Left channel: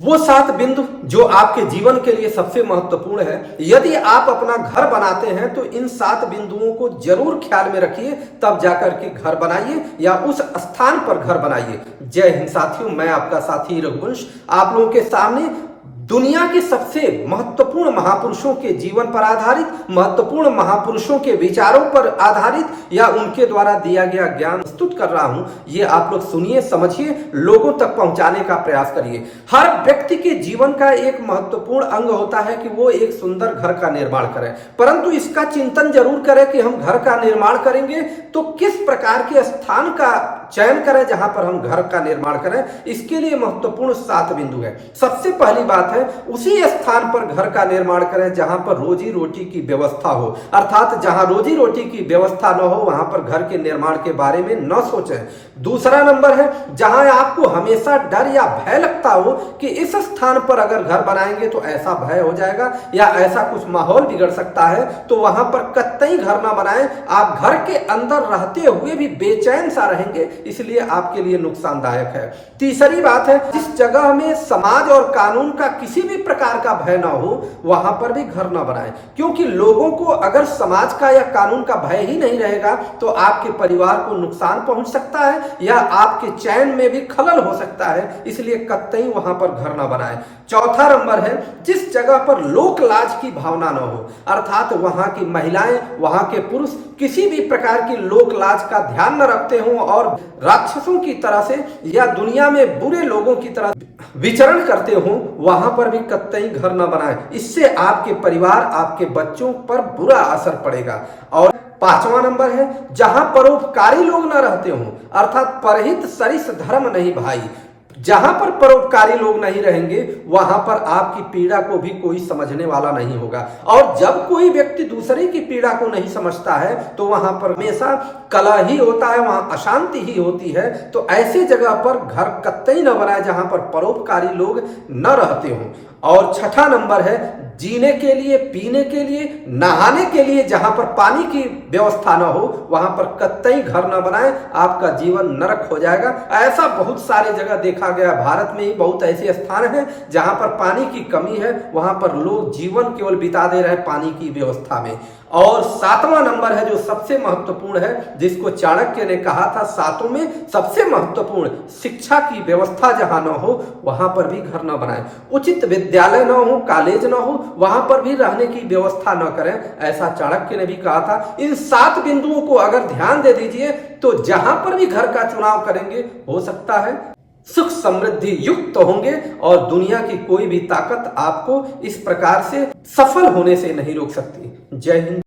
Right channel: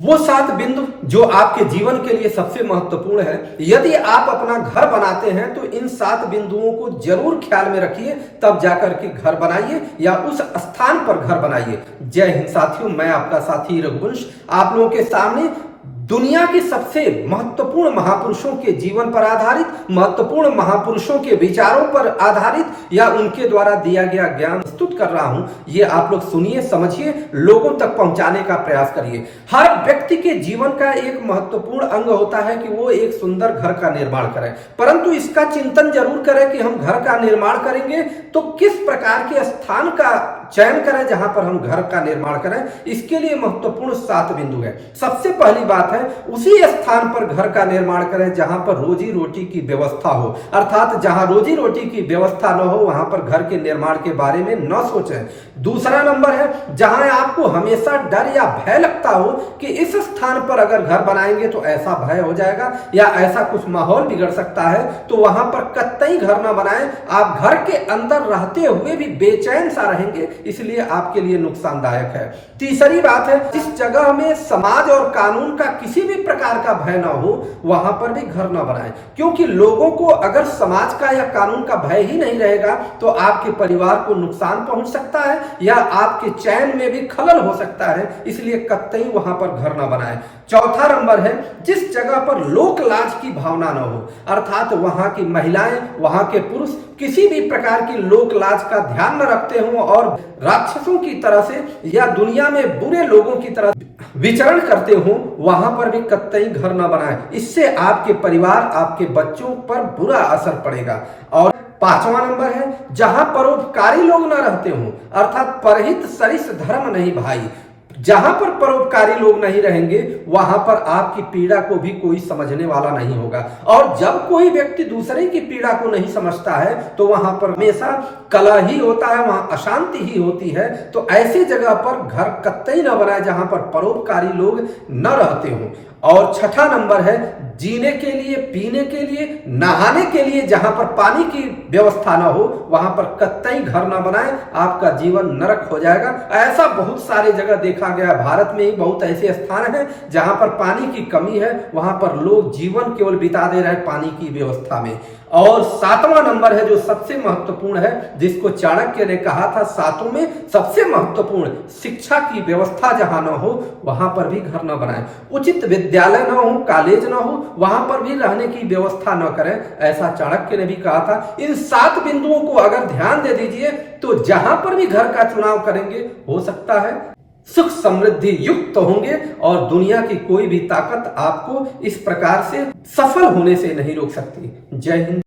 वो 7 बिंदु जो आपके जीवन के लिए सबसे महत्वपूर्ण है। यदि आप अपना घर बनाते हैं तो इन 7 बिंदुओं को जरूर ख्याल में रखिए, तब जाकर के घर बनाइए या उस स्थान पर घर बनाइए। जय हिंद साथियों, मैं आपका साथी रघुवंश आप लोगों के सामने दुनिया की सबसे महत्वपूर्ण महापुरुषों के जीवन पर आधारित, महत्वपूर्ण महापुरुषों के विचारों पर आधारित या उनके द्वारा दिया गया ज्ञान प्रस्तुत कर रहा हूं। ये आप लोग सुनिए, समझिए, लोगों तक पहुंचाने का प्रयास करिए। हर व्यक्ति के जीवन का एक महत्वपूर्ण अंग होता है कि वो एक सुंदर घर का निर्माण करें, परंतु इसका चिंतन जरूर करें कि हम घर का निर्माण करेंगे तो किस प्रकार के स्थान का चयन करें जहां पर हम घर का निर्माण करें। इसके लिए महत्वपूर्ण 7 बिंदु है। सबसे पहली बात है, उसी स्थान पर घर का निर्माण करें जहां पर रोजी रोटी की व्यवस्था हो, अर्थात जहां रोजी रोटी की व्यवस्था न हो वहां पर घर के निर्माण के बारे में न सोचें। दूसरा नंबर है, जहां आपको हमेशा डर या भय लगता हो कि इस स्थान पर अगर घर बनाएंगे तो ऐसा भय हो जाएगा या ऐसा कुछ माहौल बिगड़ सकता है, तो वहां पर कतई घर ना बनाएं। आप घर के अंदर रहते हुए भी बेचैन सा रहेंगे, इसलिए आपके लिए नुकसानदायक है। तीसरी बात है, जिस जगह में समाज और कानून का किसी भी प्रकार का भय ना हो वहां पर भी घर ना बनाएं, क्योंकि लोगों को अगर समाज का या कानून का भय ही नहीं रहेगा तो आपके परिवार को नुकसान पहुंच सकता है या आपके चैन में भी खलल हो सकता है, इसलिए कतई वहां पर घर ना बनाएं। चौथा नंबर है, जिस जगह पर लोक लाज की भावना न हो, अर्थात वहां की महिलाएं, वहां के पुरुष किसी भी प्रकार की लोक लाज का ध्यान न रखते हों और राक्षसों की तरह से या दुनिया में बुरे लोगों की तरह विचरण करते हों, वहां पर भी कतई घर न बनाएं। इससे आपके परिवार, आपके बच्चों पर बुरा असर पड़ेगा। और 5वां नंबर है, जहां परोपकारी लोग न रहते हों, अर्थात परहित सरिस धर्म नहीं भाई। जहां पर परोपकारी लोग नहीं रहेंगे वहां पर आपकी पीड़ा को भी कोई समझने वाला नहीं होगा, और जब कोई व्यक्ति दूसरे की पीड़ा को नहीं समझता है तो वहां पर हमेशा कलह ही होता है, वहां अशांति ही होती है। तो ऐसी जगह पर घर कतई न बनाए जहां पर परोपकारी लोग न रहते हों। और 6ठा नंबर है, जीने के लिए, पीने के लिए, नहाने के लिए जहां पर पानी की व्यवस्था ना हो वहां पर कतई घर ना बनाएं, आपका जीवन नरक हो जाएगा। ऐसा बहुत सारे जगह देखा गया, भारत में ही बहुत ऐसे स्थान हैं जहां पर पानी की कमी है, वहां पर लोग जीवन केवल बिता दे रहे हैं पानी की व्यवस्था में। और 7वां नंबर है जो सबसे महत्वपूर्ण है, जिसको चाणक्य ने कहा था 7 में सबसे महत्वपूर्ण, शिक्षा की व्यवस्था जहां न हो वहां पर भी घर न बनाएं। उचित विद्यालय न हो, कॉलेज न हो, वहां पर भी रहने की व्यवस्था न करें, ऐसा चाणक्य ने भी कहा था। इन 7 बिंदुओं को अगर ध्यान दे दीजिए तो जहां पर भी घर का चुनाव करेंगे हो सकता है सुख समृद्धि युक्त होंगे और दुनिया की कोई भी ताकत आपको इस प्रकार से सफल होने से नहीं रोक सकती। जय हिंद।